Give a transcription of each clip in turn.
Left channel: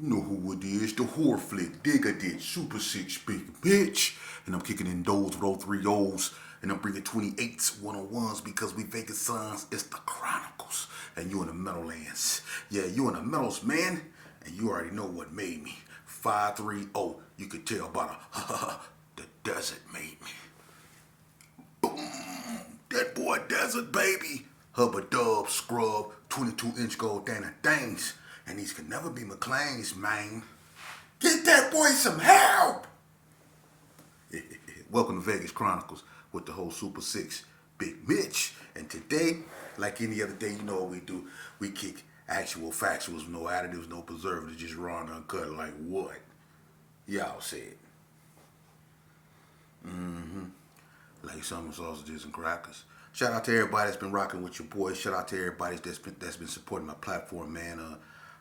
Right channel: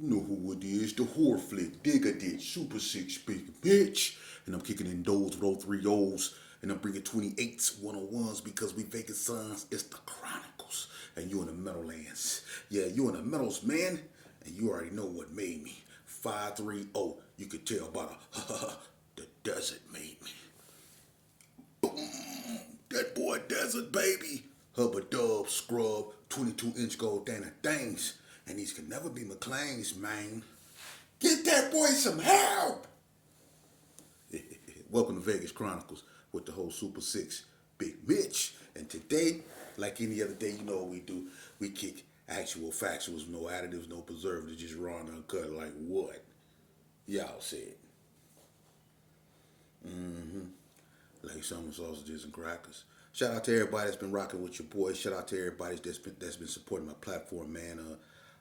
You know who it is, the whore flick, digger did, super six, big bitch. And I'm kicking in those with all three O's. And I'm bringing 28s, 101s because we vacant sons. It's the Chronicles. And you in the Meadowlands. Yeah, you in the Meadows, man. And you already know what made me. 530. You could tell by the desert made me. That boy desert, baby. Hubba dub, scrub, 22-inch gold Dana things. And these can never be McLean's, man. Get that boy some help! Welcome to Vegas Chronicles with the whole Super Six, Big Mitch. And today, like any other day, you know what we do. We kick actual factuals, no additives, no preservatives, just raw and uncut. Like what? Y'all said. Like some sausages and crackers. Shout out to everybody that's been rocking with your boys. Shout out to everybody that's been supporting my platform, man.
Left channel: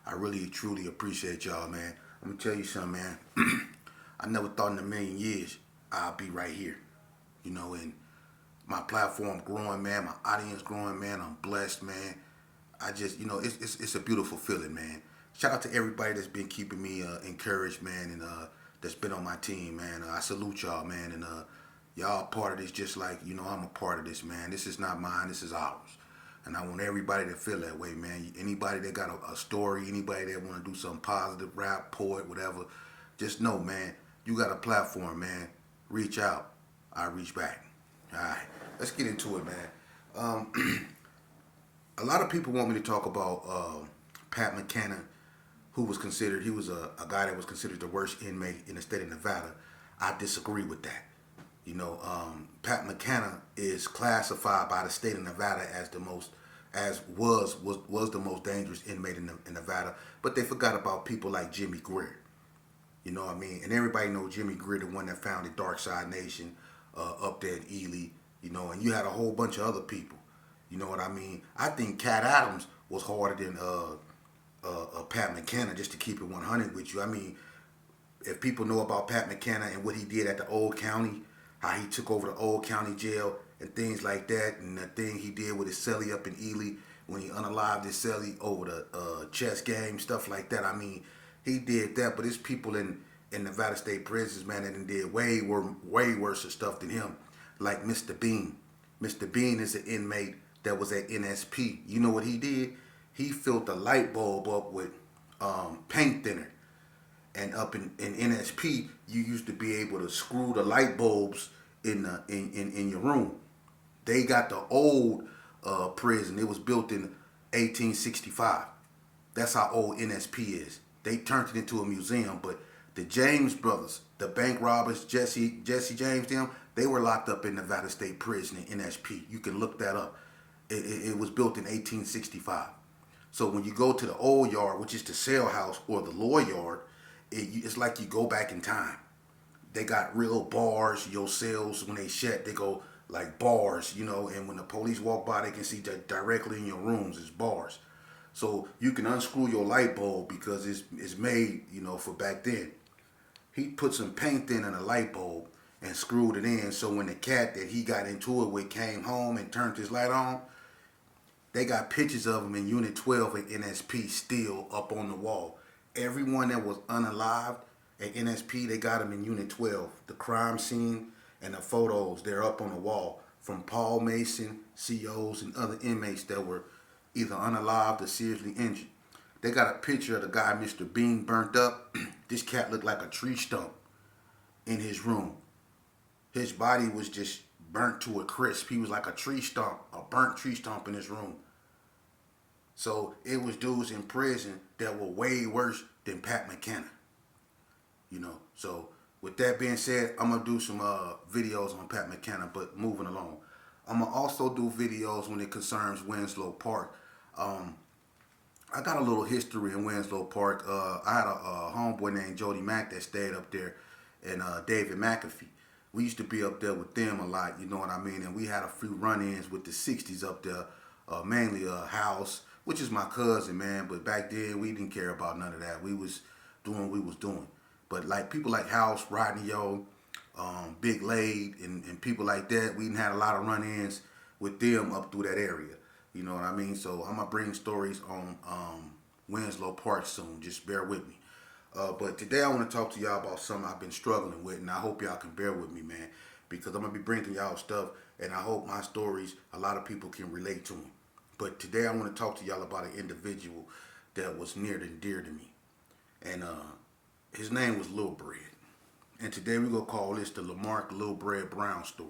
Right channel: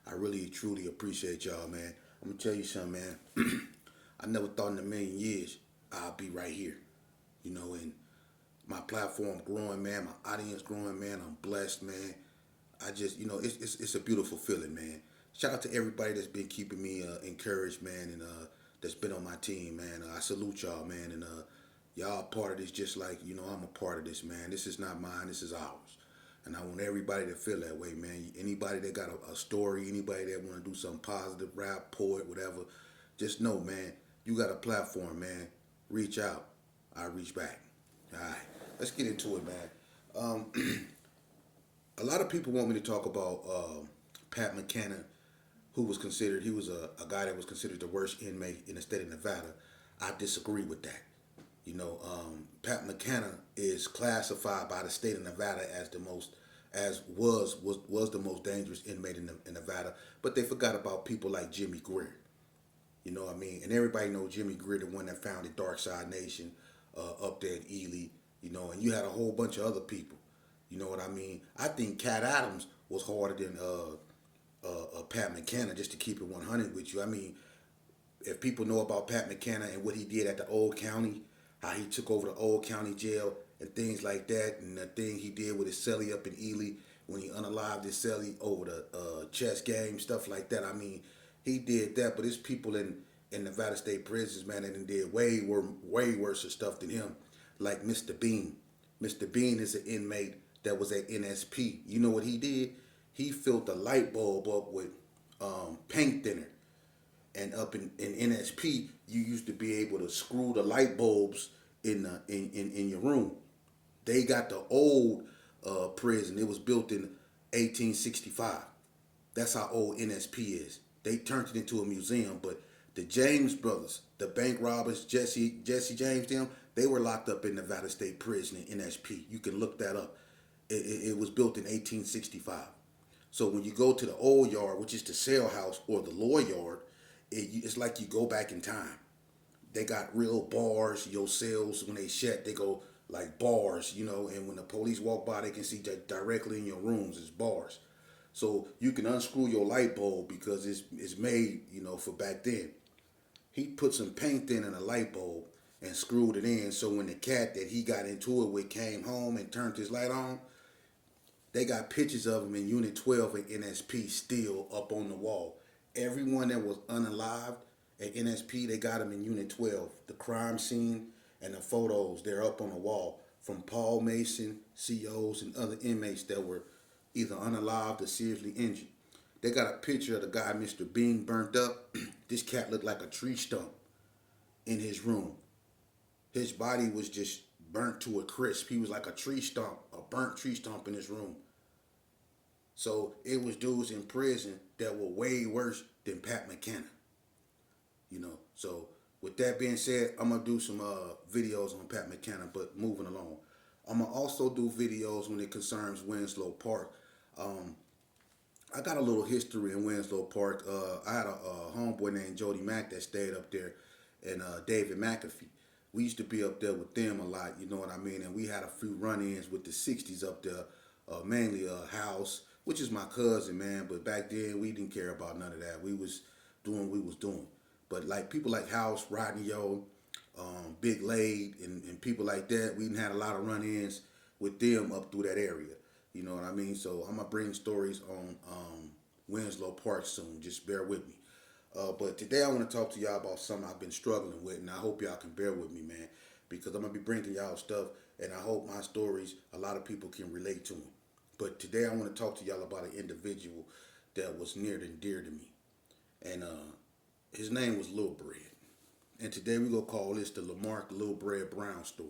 I really truly appreciate y'all, man. Let me tell you something, man. I never thought in a million years I'd be right here. You know, and my platform growing, man. My audience growing, man. I'm blessed, man. I just, it's a beautiful feeling, man. Shout out to everybody that's been keeping me encouraged, man, and that's been on my team, man. I salute y'all, man, and y'all part of this just like, I'm a part of this, man. This is not mine, this is ours. And I want everybody to feel that way, man. Anybody that got a story, anybody that want to do something positive, rap, poet, whatever, just know, man, you got a platform, man. Reach out. I reach back. All right, let's get into it, man. A lot of people want me to talk about Pat Mckenna, who was considered, he was a guy that was considered the worst inmate in the state of Nevada. I disagree with that. Pat Mckenna is classified by the state of Nevada as was the most dangerous inmate in Nevada, but they forgot about people like Jimmy Greer. You know what I mean? And everybody knows Jimmy Greer, the one that founded Dark Side Nation up there in Ely. And you had a whole bunch of other people. You know what I mean? I think Cat Adams was harder than Pat Mckenna, just to keep it 100 with you. I mean, if people know about Pat Mckenna and what he did at the old county, how he took over the old county jail and things like that, and the thing he did with his celly up in Ely when he unalived his celly over the chess game, stuff like that. I mean, he did that, but there's people in Nevada State prisons, man, that did way worse stuff than him, like Mr. Bean. Mr. Bean is an inmate that was at NSP. You know what he did? He filled the light bulb up with paint thinner. And up in NSP, you used to be able to screw the light bulbs in your room. They got the old prison. It was built in 1865. That's how old NSP is. They turned it into a museum, but the James brothers, the bank robbers, Jesse James, they were locked up in Nevada State Prison in NSP. You can look that up. It was built in 1865. So when you go to the old yard, which is the cell house or the law yard, it's like you go back in time. They got real bars. Your cells, when they shut, they go like bars, and when the police walk by, they can see that directly in your rooms. It's bars. So you can unscrew your light bulb because it's made, for back then. He put some paint in a light bulb and screwed it in, so when the cat that he got into it with came home and turned his light on, they got pictures of him in Unit 12 at NSP still up on the wall. Everyone that was unalived at NSP, they got him in Unit 12. The crime scene and the photos, they're up on the wall from Paul Mason, COs, and other inmates that were either unalived or seriously injured. They got a picture of the guy, Mr. Bean, burnt up. This cat looked like a tree stump in his room. His body was just burnt to a crisp. He was like a tree stump, a burnt tree stump in his room. So it was dudes in prison that were way worse than Pat Mckenna. So with that being said, I'm going to do some videos on Pat Mckenna, but moving along. I'm going to also do videos when it concerns Winslow Park. I got a little history in Winslow Park. I had a homeboy named Jody Mack that stayed up there, and David McAfee. We used to be up there with them a lot, you know what I mean? And we had a few run-ins with the 60s up there, mainly House, which is my cousin, man. But back then, we didn't care about none of that. We was doing what we was doing. But like people like House, Rodney O, Big Lade, and people like that, we didn't have a lot of run-ins with them up through that area. You know what I mean? So I'm going to bring stories on Winslow Park soon. Just bear with me. But today I want to talk to y'all about something I've been struggling with, and I hope y'all can bear with me, man, because I'm gonna be bringing y'all stuff, and I hope my stories a lot of people can relate to them. But today I want to talk to y'all about an individual that was near and dear to me, and his name was Lil Bread. And today we're gonna call this the Lamark Lil Bread Brown story.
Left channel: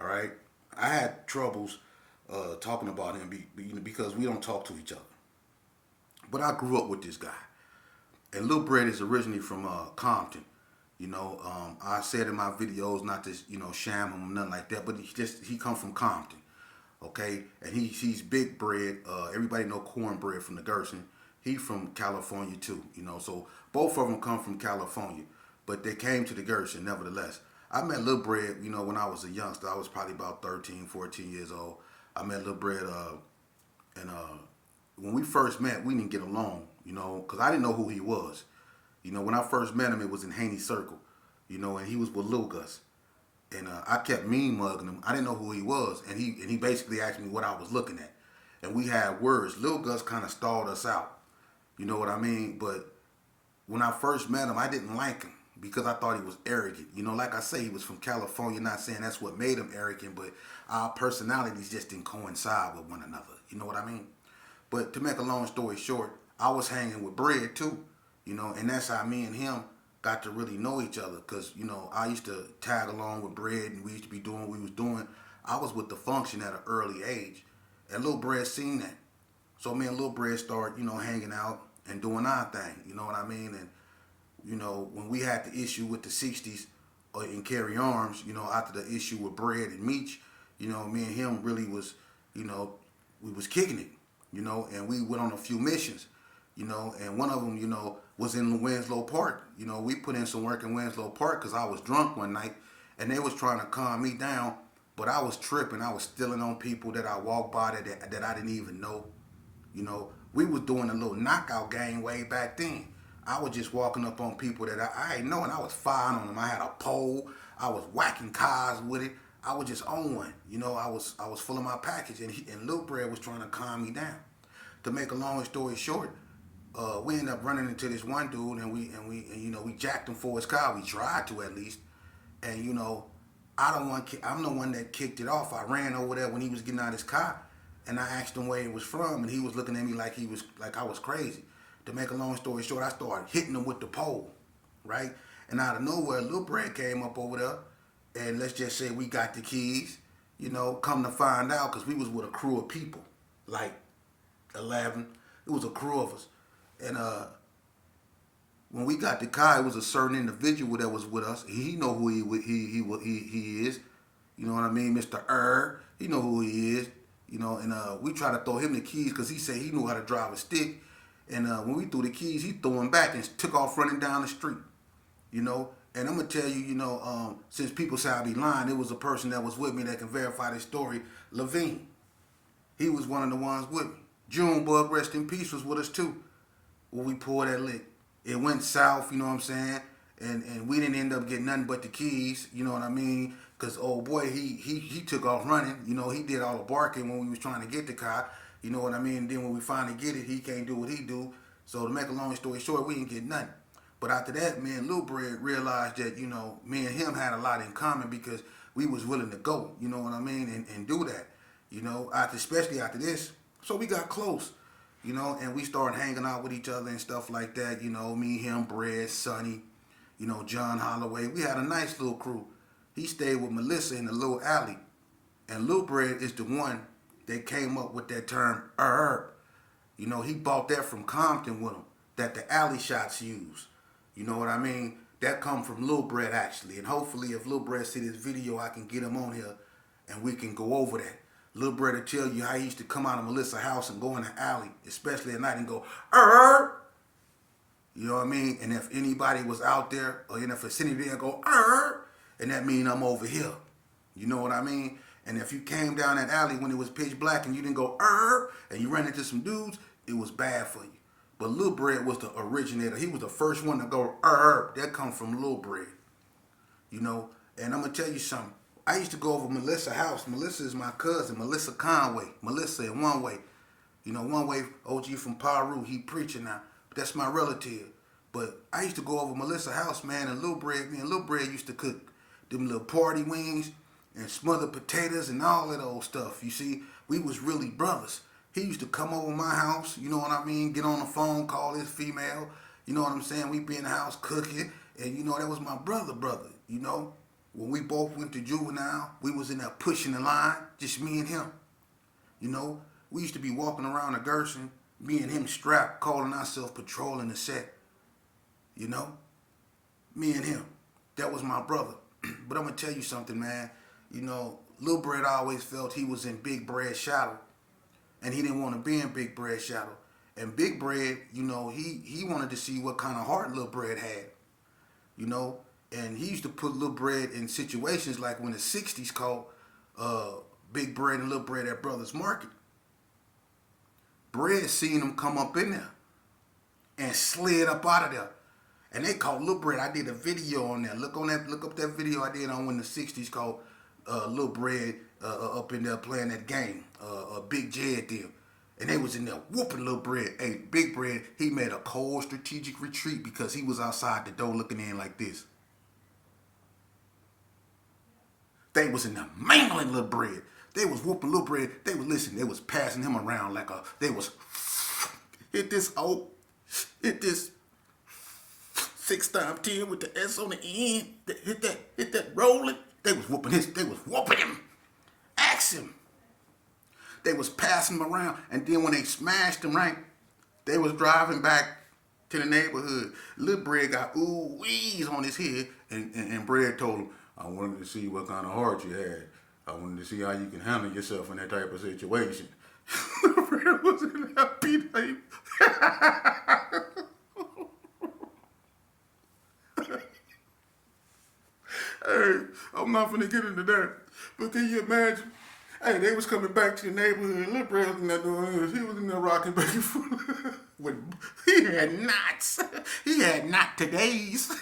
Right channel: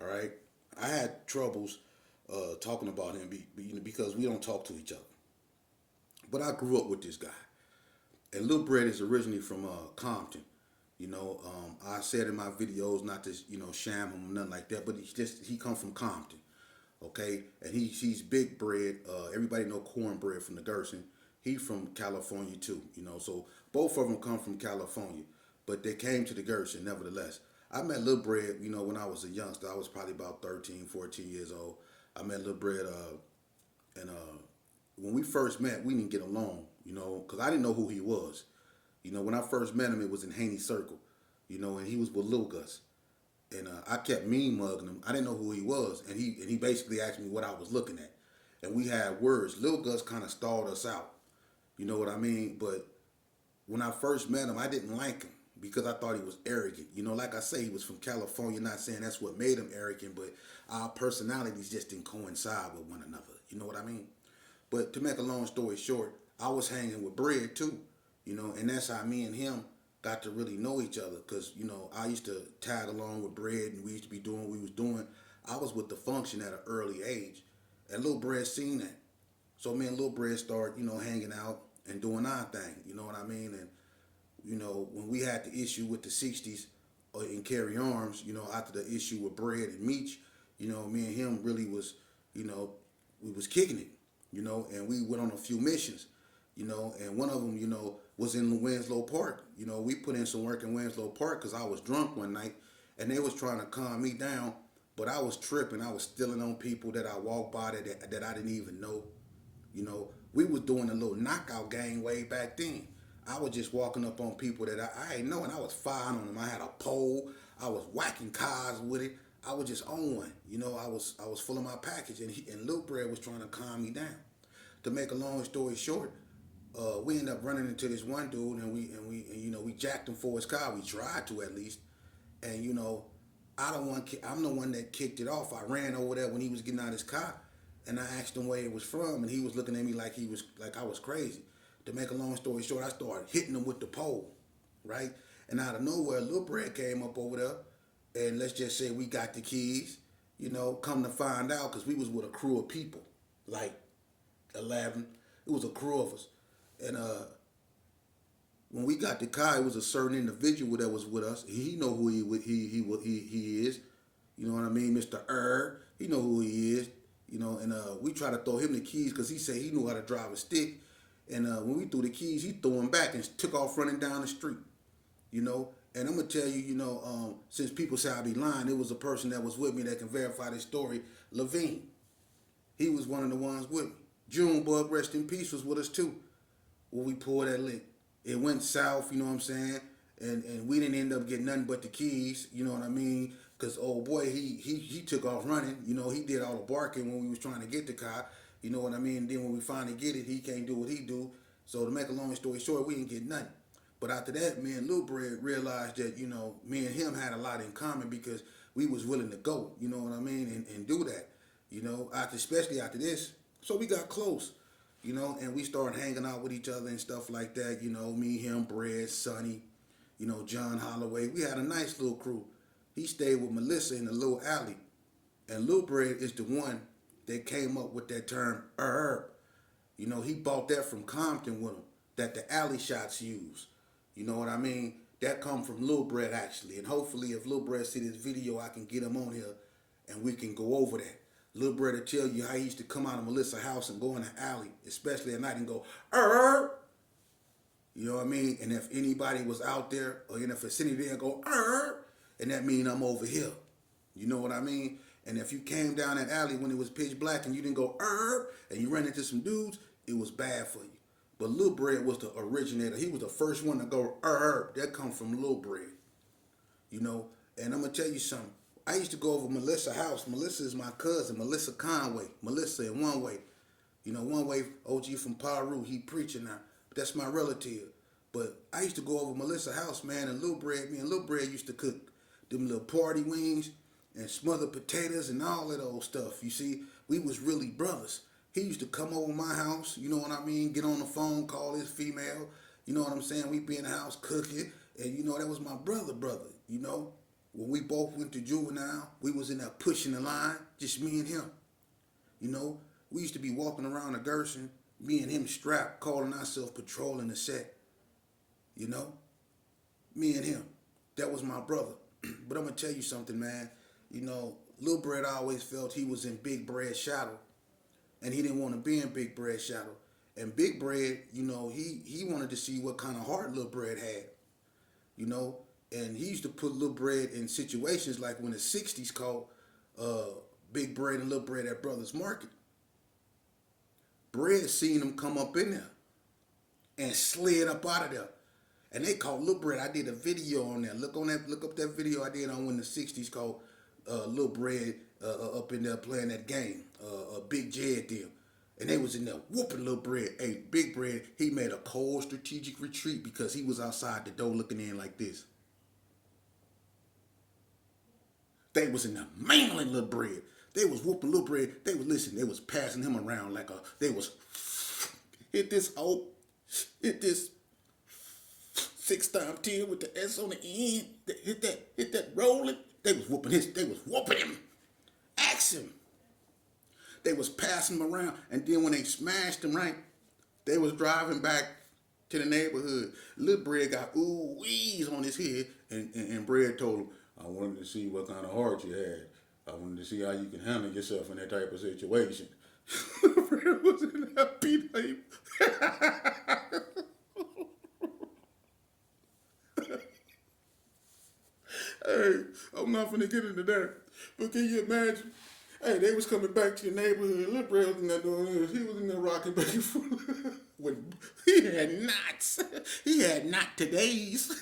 All right, I had troubles talking about him because we don't talk to each other. But I grew up with this guy. And Lil Bread is originally from Compton. I said in my videos not to sham him or nothing like that, but he come from Compton, okay? And he's big bread. Everybody know cornbread from the Gerson. He from California too, So both of them come from California, but they came to the Gerson nevertheless. I met Lil Bread, when I was a youngster. I was probably about 13, 14 years old. I met Lil Bread, and when we first met, we didn't get along, because I didn't know who he was. When I first met him, it was in Haney Circle, and he was with Lil Gus. And I kept mean mugging him. I didn't know who he was, and he basically asked me what I was looking at. And we had words. Lil Gus kind of stalled us out, you know what I mean? But when I first met him, I didn't like him because I thought he was arrogant. Like I say, he was from California, not saying that's what made him arrogant, but our personalities just didn't coincide with one another, you know what I mean? But to make a long story short, I was hanging with Bread too, and that's how me and him got to really know each other. Because, I used to tag along with Bread and we used to be doing what we was doing. I was with the function at an early age, and Lil Bread seen that. So me and Lil Bread started, hanging out and doing our thing, you know what I mean? And, when we had the issue with the 60s in Carry Arms, after the issue with Bread and Meech, me and him really was, we was kicking it. And we went on a few missions, and one of them, was in Winslow Park. We put in some work in Winslow Park because I was drunk one night, and they was trying to calm me down, but I was tripping. I was stealing on people that I walked by that I didn't even know. We was doing a little knockout game way back then. I was just walking up on people that I ain't know, and I was firing on them. I had a pole. I was whacking cars with it. I was just on one. I was full of my package, and Lil Bread was trying to calm me down. To make a long story short, we ended up running into this one dude, and we jacked him for his car. We tried to at least, and I'm the one that kicked it off. I ran over there when he was getting out of his car, and I asked him where he was from, and he was looking at me like I was crazy. To make a long story short, I started hitting him with the pole, right? And out of nowhere, Lil Bread came up over there, and let's just say we got the keys. Come to find out, because we was with a crew of people, like 11. It was a crew of us, and when we got the car, it was a certain individual that was with us. He know who he is. You know what I mean, Mr. He know who he is. And we tried to throw him the keys because he said he knew how to drive a stick. And when we threw the keys, he threw them back and took off running down the street. And I'm gonna tell you, since people say I be lying, it was a person that was with me that can verify this story. Levine, he was one of the ones with me. Junebug, rest in peace, was with us too. When we pulled that lick, it went south. You know what I'm saying? And we didn't end up getting nothing but the keys. You know what I mean? Cause old boy, he took off running. He did all the barking when we was trying to get the car. You know what I mean? And then when we finally get it, he can't do what he do. So to make a long story short, we didn't get nothing. But after that, me and Lil Bread realized that, me and him had a lot in common because we was willing to go, you know what I mean, and do that, especially after this. So we got close, and we started hanging out with each other and stuff like that, me, him, Bread, Sonny, John Holloway. We had a nice little crew. He stayed with Melissa in the little alley. And Lil Bread is the one that came up with that term, he bought that from Compton with him, that the alley shots use. You know what I mean? That come from Lil Bread actually. And hopefully if Lil Bread see this video, I can get him on here and we can go over that. Lil Bread will tell you how he used to come out of Melissa's house and go in the alley, especially at night, and go, You know what I mean? And if anybody was out there, or in the vicinity, they'll go, and that mean I'm over here. You know what I mean? And if you came down that alley when it was pitch black and you didn't go, and you ran into some dudes, it was bad for you. But Lil Bread was the originator. He was the first one to go, That come from Lil Bread. And I'm going to tell you something. I used to go over Melissa's house. Melissa is my cousin, Melissa Conway. Melissa in One Way. One Way, OG from Peru, he preaching now. But that's my relative. But I I used to go over Melissa's house, man, and me and Lil Bread used to cook them little party wings and smothered potatoes and all that old stuff. You see, we was really brothers. He used to come over my house, you know what I mean, get on the phone, call his female, you know what I'm saying? We be in the house cooking, and you know, that was my brother, you know? When we both went to juvenile, we was in there pushing the line, just me and him. You know, we used to be walking around the Gerson, me and him strapped, calling ourselves patrolling the set. You know? Me and him. That was my brother. But I'm going to tell you something, man. You know, Lil Bread always felt he was in Big Bread's shadow. And he didn't want to be in Big Bread's shadow. And Big Bread, you know, he wanted to see what kind of heart Lil Bread had. You know? And he used to put Lil Bread in situations like when the 60s called Big Bread and Lil Bread at Brothers Market. Bread seen him come up in there and slid up out of there. And they called Lil Bread. I did a video on that. Look up that video I did on when the 60s called Lil Bread up in there playing that game. Big Jed them. And they was in there whooping Lil Bread. Hey, Big Bread, he made a cold strategic retreat because he was outside the door looking in like this. They was in there mangling Lil Bread. They was whooping Lil Bread. They was listening. They was passing him around like they was hit this 6 times 10 with the S on the end. Hit that rolling. They was whooping him. Ask him. They was passing him around, and then when they smashed him, right, they was driving back to the neighborhood. Lil Bread got ooh-wees on his head, and Bread told him, I wanted to see what kind of heart you had. I wanted to see how you can handle yourself in that type of situation. Lil Bread was in that beat. Hey, I'm not finna get into that. But can you imagine? Hey, they was coming back to the neighborhood. Lil Bread was in there doing this. He was in there rocking back and forth. He had knots. He had knot today's.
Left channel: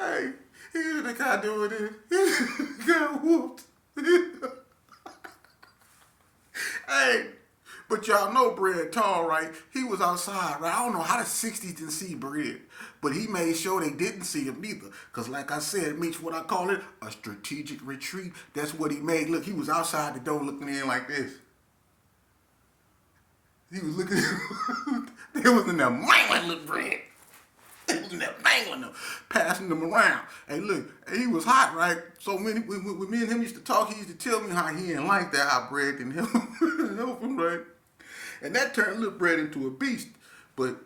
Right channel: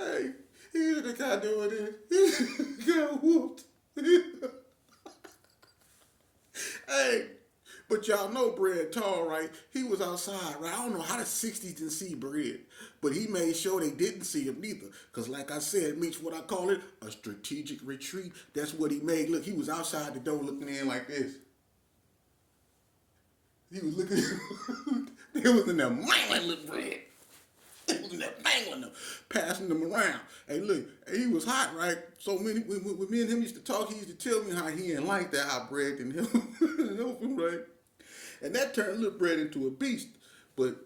Hey, here's the guy doing this. He got whooped. Hey, but y'all know Bread tall, right? He was outside, right? I don't know how the 60s didn't see Bread, but he made sure they didn't see him neither. Because like I said, Meech, what I call it, a strategic retreat. That's what he made. Look, he was outside the door looking in like this. He was looking, they was in there mangling Lil Bread. They was in there mangling him, passing them around. Hey, look, he was hot, right? So when me and him used to talk, he used to tell me how he didn't like that, how Bread can help him, right? And that turned Lil Bread into a beast. But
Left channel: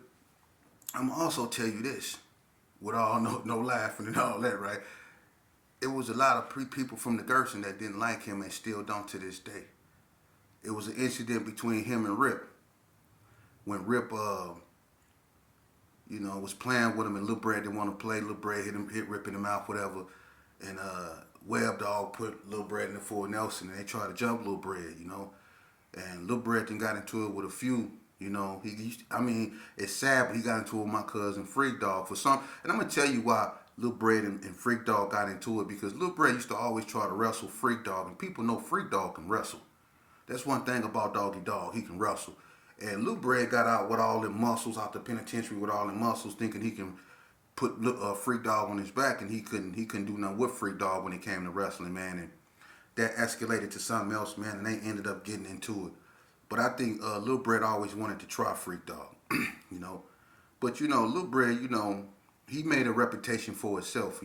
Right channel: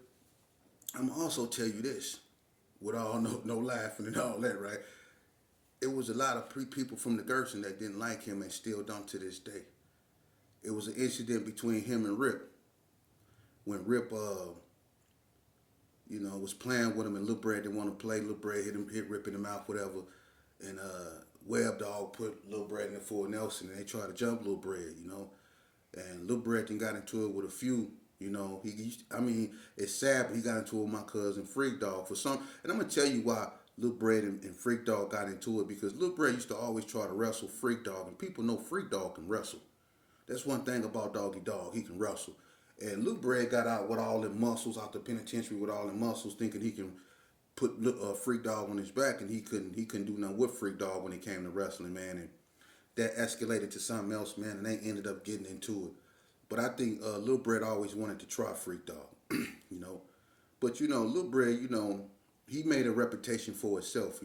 I'm gonna also tell you this, with all no laughing and all that, right? It was a lot of people from the Gerson that didn't like him and still don't to this day. It was an incident between him and Rip. When Rip, was playing with him and Lil Bread didn't want to play. Lil Bread hit Rip in the mouth, whatever. And Web Dog put Lil Bread in the Fort Nelson and they tried to jump Lil Bread, And Lil Bread then got into it with a few, it's sad, but he got into it with my cousin Freak Dog for some. And I'm going to tell you why Lil Bread and Freak Dog got into it, because Lil Bread used to always try to wrestle Freak Dog, and people know Freak Dog can wrestle. That's one thing about Doggy Dog, he can wrestle. And Lil Bread got out with all them muscles, out the penitentiary with all them muscles, thinking he can put Freak Dog on his back, and he couldn't do nothing with Freak Dog when it came to wrestling, man. And that escalated to something else, man, and they ended up getting into it. But I think Lil Bread always wanted to try Freak Dog, But, Lil Bread, he made a reputation for himself,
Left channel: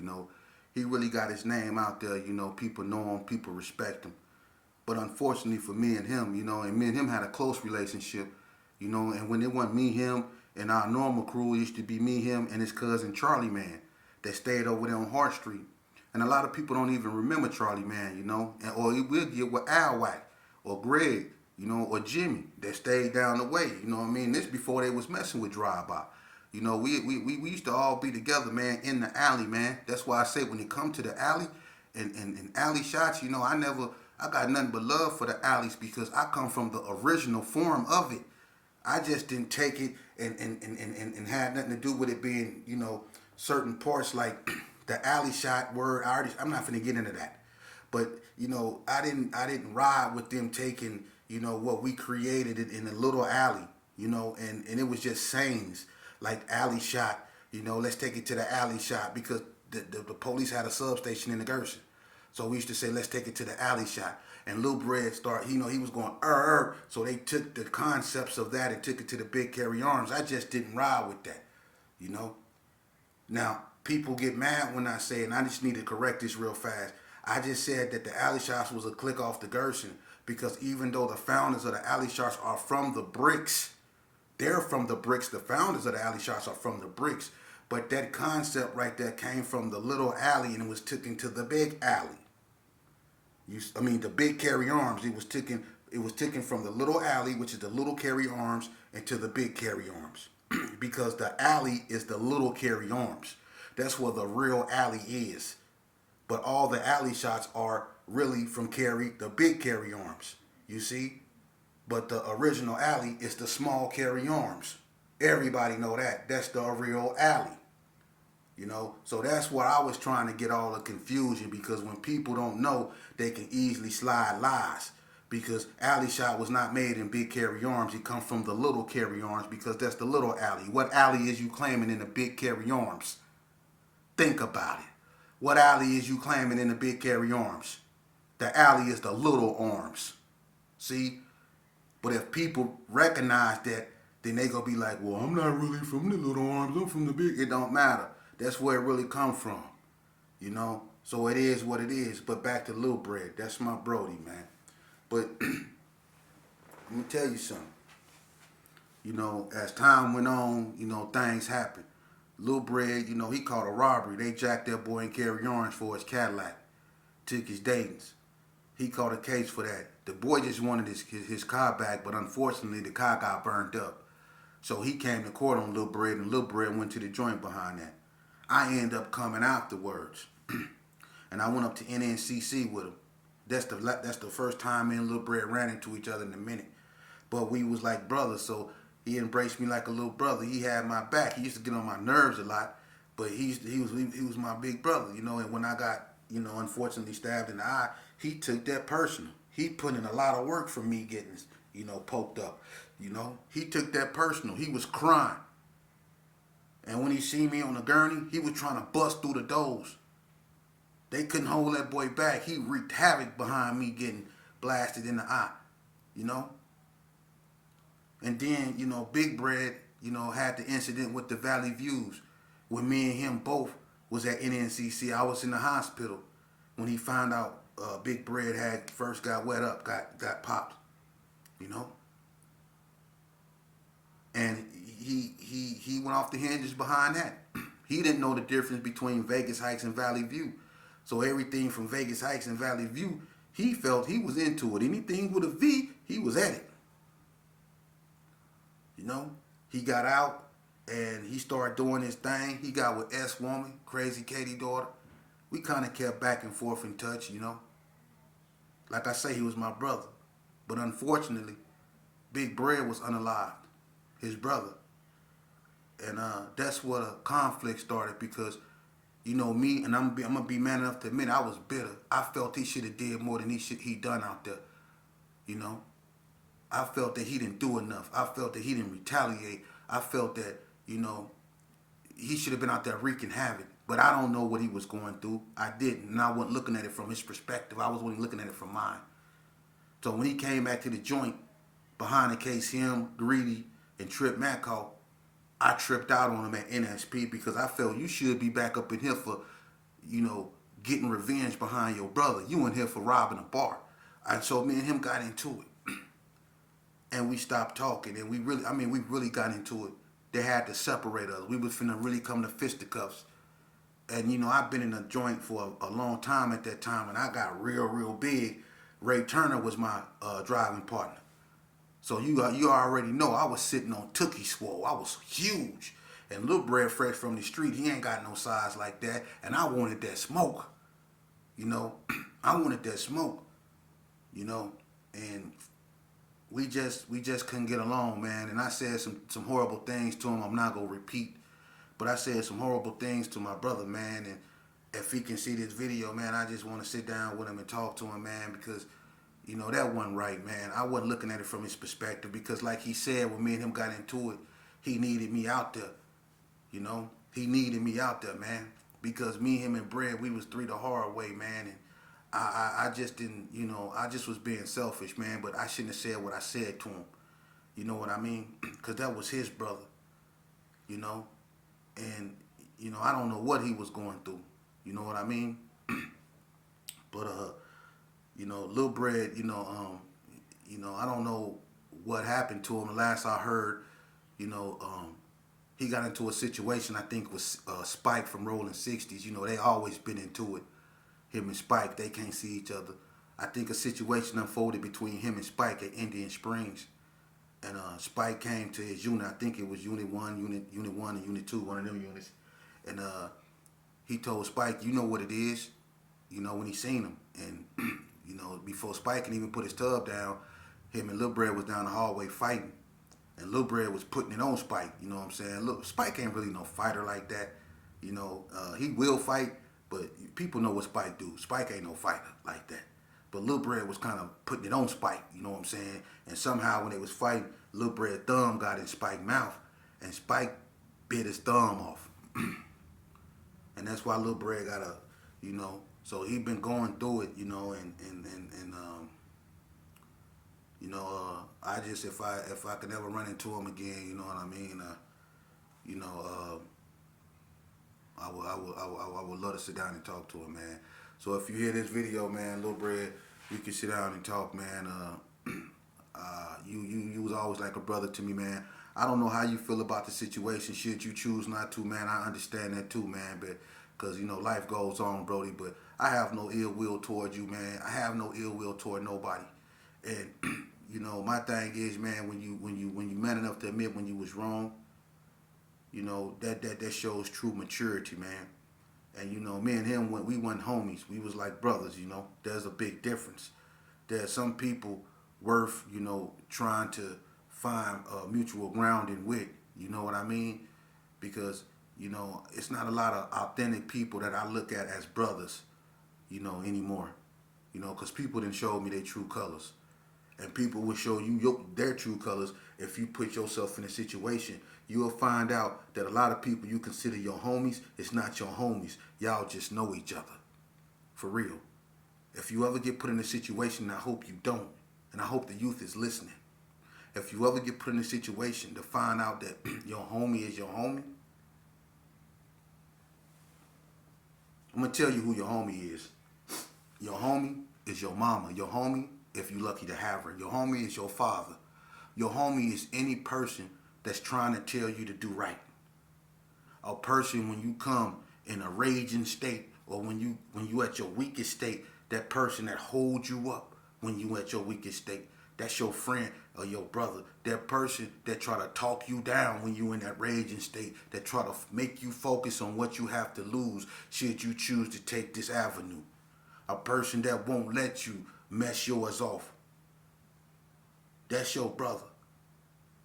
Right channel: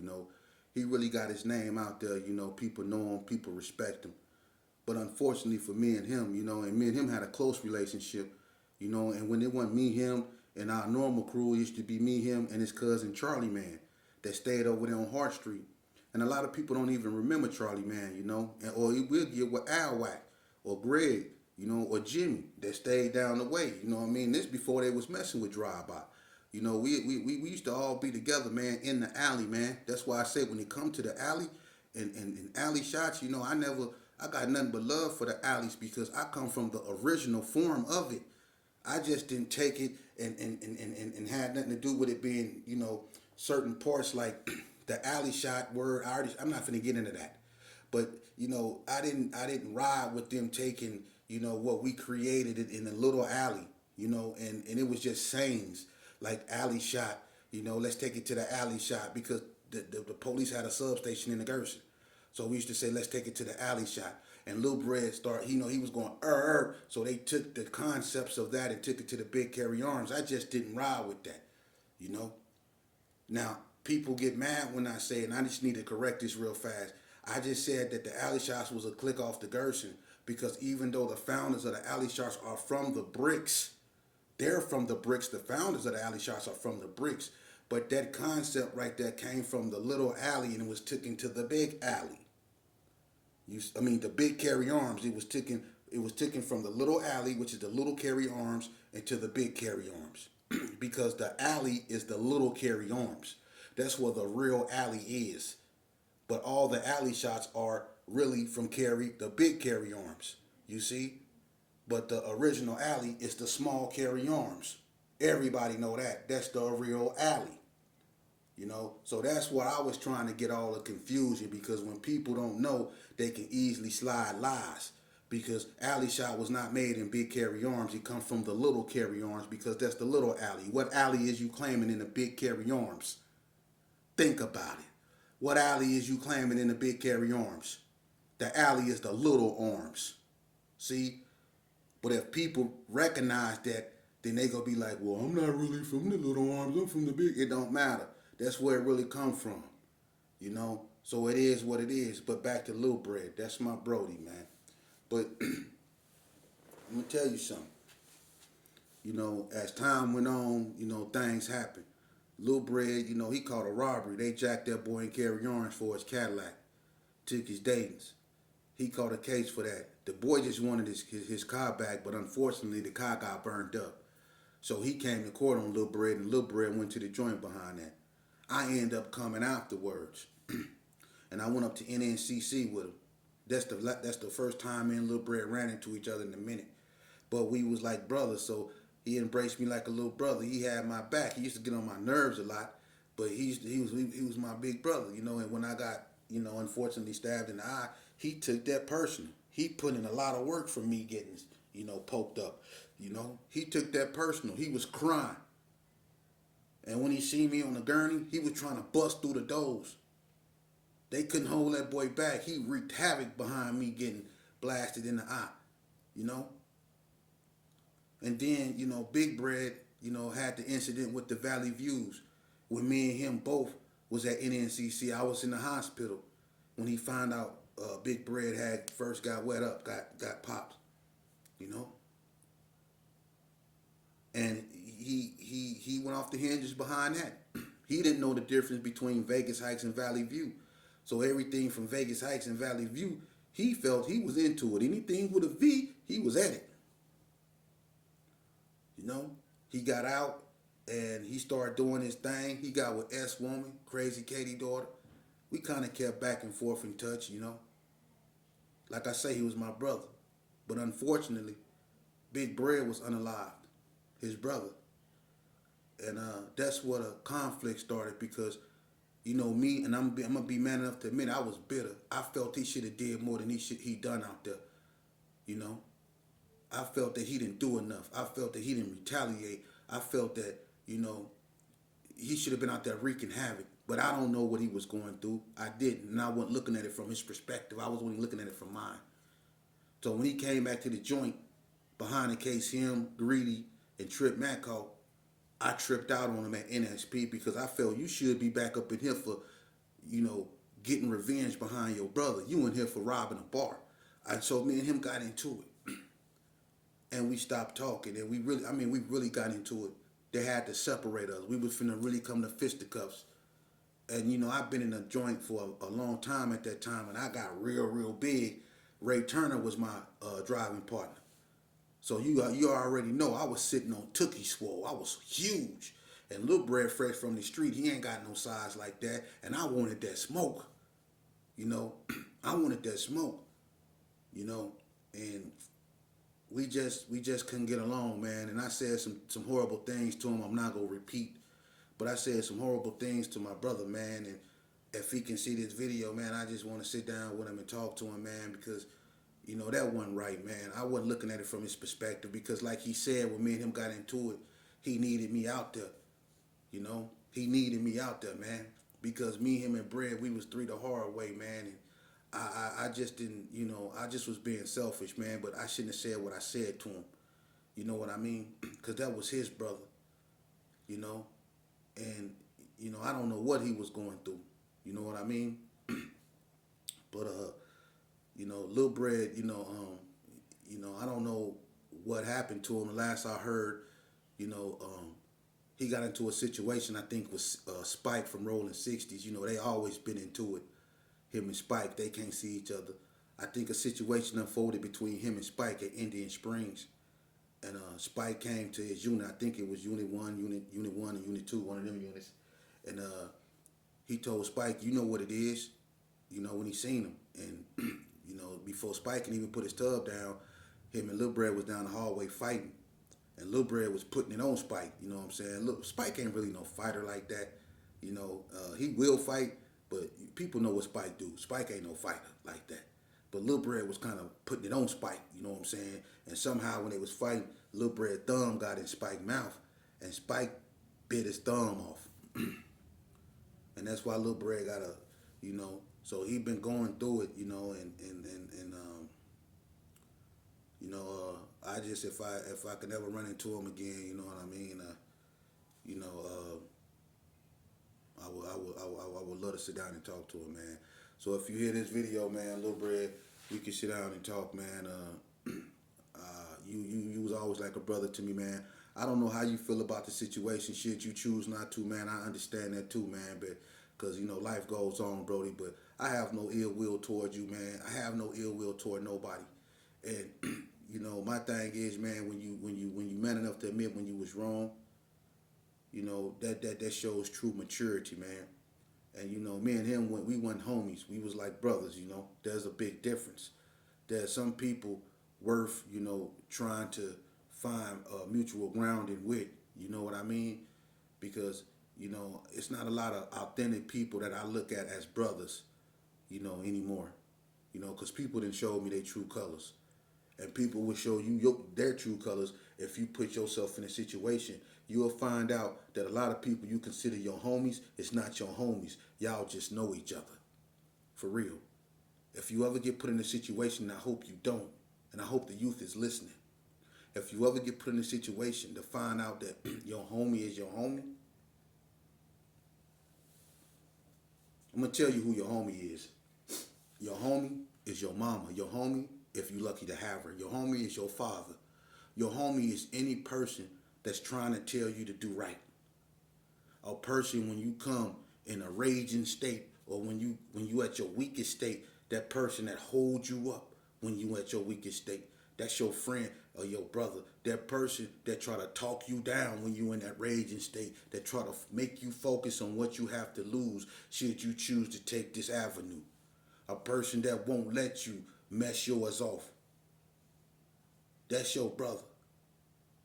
He really got his name out there, people know him, people respect him. But unfortunately for me and him, and me and him had a close relationship, and when it wasn't me, him, and our normal crew, it used to be me, him, and his cousin Charlie Man that stayed over there on Hart Street. And a lot of people don't even remember Charlie Man, or we'll get with Al Wack or Greg, or Jimmy that stayed down the way, This before they was messing with Drive-By. We used to all be together, man, in the alley, man. That's why I say when it come to the alley and alley shots, I got nothing but love for the alleys because I come from the original form of it. I just didn't take it and had nothing to do with it being, certain parts like the alley shot word. I'm not finna get into that. But, I didn't ride with them taking, what we created it in a little alley, and it was just sayings like alley shot, let's take it to the alley shot because the police had a substation in the Gerson. So we used to say, let's take it to the alley shot. And Lil Bread he was going, So they took the concepts of that and took it to the big carry arms. I just didn't ride with that. Now, people get mad when I say, and I just need to correct this real fast. I just said that the alley shots was a click off the Gerson because even though the founders of the alley shots are from the bricks, they're from the bricks. The founders of the alley shots are from the bricks. But that concept right there came from the little alley and it was taken to the big alley. The big carry arms. It was taken from the little alley, which is the little carry arms, into the big carry arms. Because the alley is the little carry arms. That's where the real alley is. But all the alley shots are really from the big carry arms. You see? But the original alley is the small carry arms. Everybody know that. That's the real alley. So that's where I was trying to get all the confusion, because when people don't know, they can easily slide lies. Because alley shot was not made in big carry arms. It comes from the little carry arms because that's the little alley. What alley is you claiming in the big carry arms? Think about it. What alley is you claiming in the big carry arms? The alley is the little arms. See? But if people recognize that, then they gonna be like, well, I'm not really from the little arms, I'm from the big. It don't matter. That's where it really come from. So it is what it is. But back to Lil Bread. That's my Brody, man. But let me tell you something. As time went on, things happened. Lil Bread, he caught a robbery. They jacked that boy in carry arms for his Cadillac. Took his Dayton's. He caught a case for that. The boy just wanted his car back, but unfortunately the car got burned up. So he came to court on Lil Bread, and Lil Bread went to the joint behind that. I ended up coming afterwards. And I went up to NNCC with him. That's the first time me and Lil Bread ran into each other in a minute. But we was like brothers, so he embraced me like a little brother. He had my back. He used to get on my nerves a lot, but he was my big brother, And when I got, unfortunately stabbed in the eye, he took that personal. He put in a lot of work for me getting, poked up. He took that personal. He was crying. And when he seen me on the gurney, he was trying to bust through the doors. They couldn't hold that boy back. He wreaked havoc behind me getting blasted in the eye, And then, Big Bread, had the incident with the Valley Views when me and him both was at NNCC. I was in the hospital when he found out Big Bread had first got wet up, got popped, And he went off the hinges behind that. He didn't know the difference between Vegas Heights and Valley View. So everything from Vegas Heights and Valley View, he felt he was into it. Anything with a V, he was at it. He got out and he started doing his thing. He got with S Woman, Crazy Katie daughter. We kind of kept back and forth in touch, Like I say, he was my brother. But unfortunately, Big Bread was unalived, his brother. And that's where the conflict started because, me, and I'm going to be man enough to admit I was bitter. I felt he should have did more than he done out there, I felt that he didn't do enough. I felt that he didn't retaliate. I felt that, he should have been out there wreaking havoc. But I don't know what he was going through. I didn't. And I wasn't looking at it from his perspective. I was only looking at it from mine. So when he came back to the joint, behind the case, him, Greedy, and Trip Matco, I tripped out on him at NSP because I felt you should be back up in here for, getting revenge behind your brother. You in here for robbing a bar. And so me and him got into it. And we stopped talking, and we really got into it. They had to separate us. We was finna really come to fisticuffs. And, I've been in a joint for a long time at that time, and I got real, real big. Ray Turner was my driving partner. So you already know I was sitting on Tookie Swole. I was huge. And Lil Bread fresh from the street, he ain't got no size like that. And I wanted that smoke. I wanted that smoke. And we just couldn't get along, man. And I said some horrible things to him. I'm not gonna repeat, but I said some horrible things to my brother, man. And if he can see this video, man, I just want to sit down with him and talk to him, man, because You know, that wasn't right, man. I wasn't looking at it from his perspective because, like he said, when me and him got into it, he needed me out there. You know, he needed me out there, man. Because me, him, and Bread, we was three the hard way, man. And I just didn't, you know, I just was being selfish, man. But I shouldn't have said what I said to him. You know what I mean? Because that was his brother, you know. And, you know, I don't know what he was going through. You know what I mean? But, you know, Lil Bread, you know, I don't know what happened to him. Last I heard, you know, he got into a situation, I think, with Spike from Rolling 60s. You know, they always been into it. Him and Spike, they can't see each other. I think a situation unfolded between him and Spike at Indian Springs. And Spike came to his unit. I think it was Unit 1, Unit 1 and Unit 2, one of them units. And he told Spike, you know what it is, you know, when he seen him. And, you know, before Spike can even put his tub down, him and Lil Bread was down the hallway fighting. And Lil Bread was putting it on Spike, you know what I'm saying? Look, Spike ain't really no fighter like that. You know, he will fight, but people know what Spike do. Spike ain't no fighter like that. But Lil Bread was kind of putting it on Spike, you know what I'm saying? And somehow when they was fighting, Lil Bread thumb got in Spike's mouth, and Spike bit his thumb off. And that's why Lil Bread got a, you know, so he been going through it, you know, and you know, I just, if I could ever run into him again, you know what I mean, you know, I would love to sit down and talk to him, man. So if you hear this video, man, Lil Bread, we can sit down and talk, man. You was always like a brother to me, man. I don't know how you feel about the situation. Should you choose not to, man, I understand that too, man. But because, you know, life goes on, Brody. But I have no ill will toward you, man. I have no ill will toward nobody. And you know, my thing is, man, when you man enough to admit when you was wrong, you know, that shows true maturity, man. And you know, me and him, when we weren't homies, we was like brothers. You know, there's a big difference. There's some people worth, you know, trying to find mutual grounding with. You know what I mean? Because, you know, it's not a lot of authentic people that I look at as brothers, you know, anymore. You know, because people didn't show me their true colors. And people will show you their true colors if you put yourself in a situation. You'll find out that a lot of people you consider your homies is not your homies. Y'all just know each other. For real. If you ever get put in a situation, I hope you don't, and I hope the youth is listening. If you ever get put in a situation to find out that your homie is your homie, I'm going to tell you who your homie is. Your homie is your mama. Your homie, if you're lucky to have her. Your homie is your father. Your homie is any person that's trying to tell you to do right. A person when you come in a raging state, or when you at your weakest state, that person that holds you up when you at your weakest state, that's your friend or your brother. That person that try to talk you down when you in that raging state, that try to make you focus on what you have to lose should you choose to take this avenue. A person that won't let you mess yours off. That's your brother.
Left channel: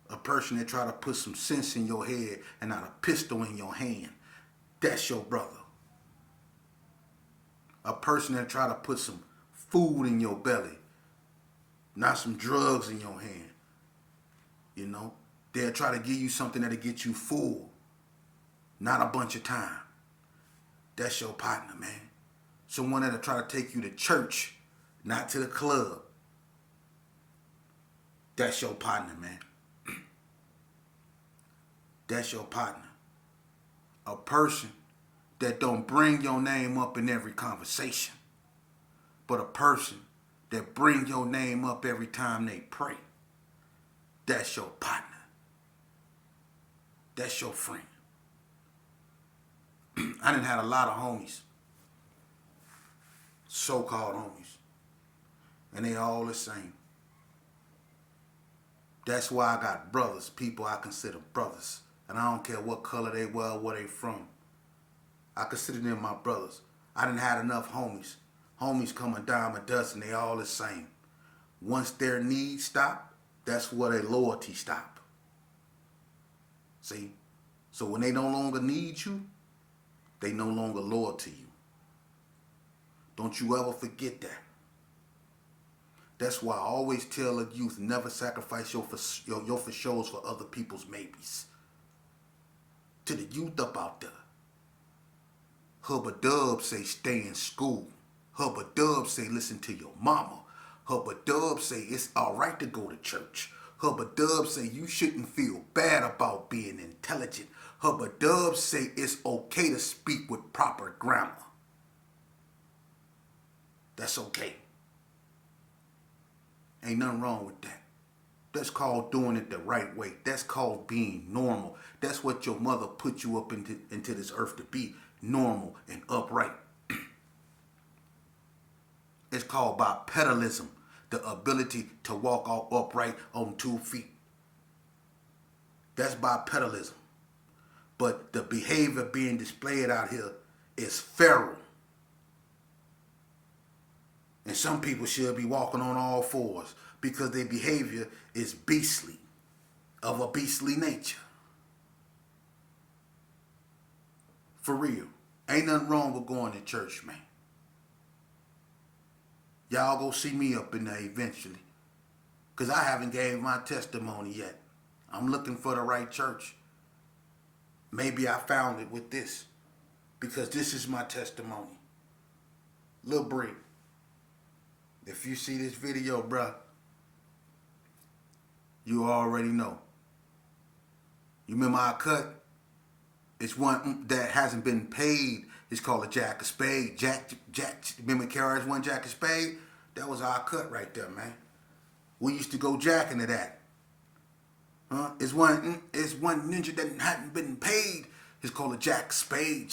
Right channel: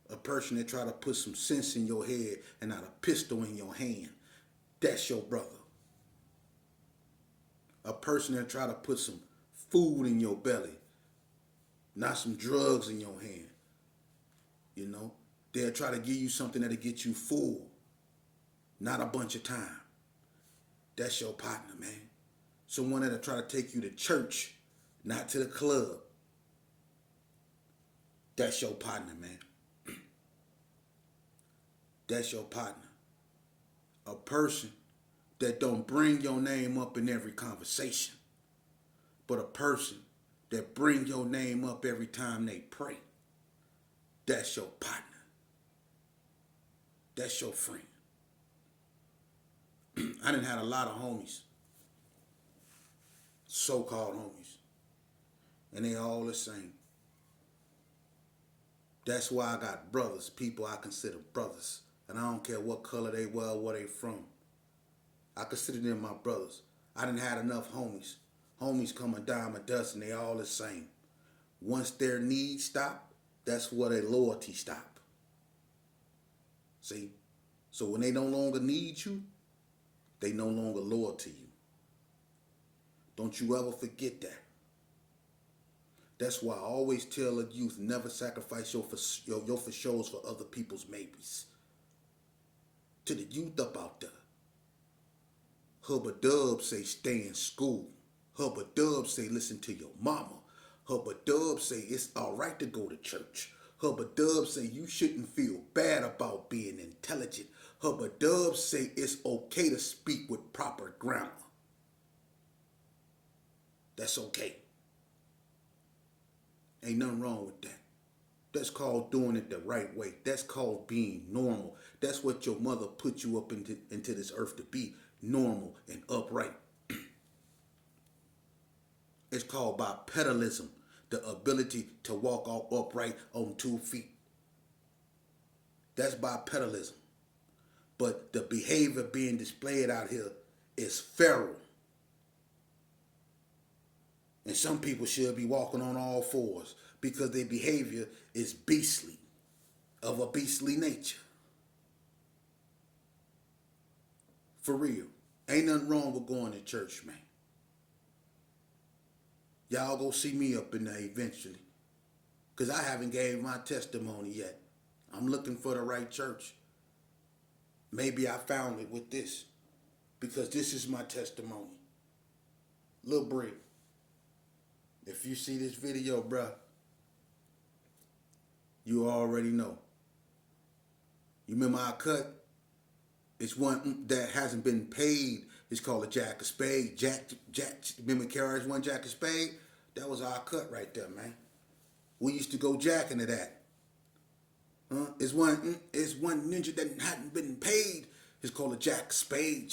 A person that try to put some sense in your head and not a pistol in your hand. That's your brother. A person that try to put some food in your belly, not some drugs in your hand. You know, they'll try to give you something that'll get you full, not a bunch of time. That's your partner, man. Someone that'll try to take you to church, not to the club. That's your partner, man. That's your partner. A person that don't bring your name up in every conversation, but a person that bring your name up every time they pray. That's your partner. That's your friend. I done had a lot of homies, so-called homies, and they all the same. That's why I got brothers, people I consider brothers. And I don't care what color they were, where they from. I consider them my brothers. I done had enough homies. Homies come a dime a dozen, they all the same. Once their needs stop, that's where their loyalty stop. See? So when they no longer need you, they no longer loyal to you. Don't you ever forget that. That's why I always tell the youth, never sacrifice your for shows for other people's maybes. To the youth up out there, Hubba Dub say stay in school. Hubba Dub say listen to your mama. Hubba Dub say it's alright to go to church. Hubba Dub say you shouldn't feel bad about being intelligent. Hubba Dub say it's okay to speak with proper grammar. That's okay. Ain't nothing wrong with that. That's called doing it the right way. That's called being normal. That's what your mother put you up into this earth to be, normal and upright. It's called bipedalism, the ability to walk all upright on 2 feet. That's bipedalism. But the behavior being displayed out here is feral. And some people should be walking on all fours because their behavior is beastly, of a beastly nature. For real. Ain't nothing wrong with going to church, man. Y'all go see me up in there eventually. Because I haven't gave my testimony yet. I'm looking for the right church. Maybe I found it with this. Because this is my testimony. Lil Bree. If you see this video, bruh, you already know. You remember our cut? It's one that hasn't been paid. It's called a Jack of Spade. Jack, remember KRS One Jack of Spade? That was our cut right there, man. We used to go jacking to that. It's one ninja that hadn't been paid. It's called a Jack of Spade.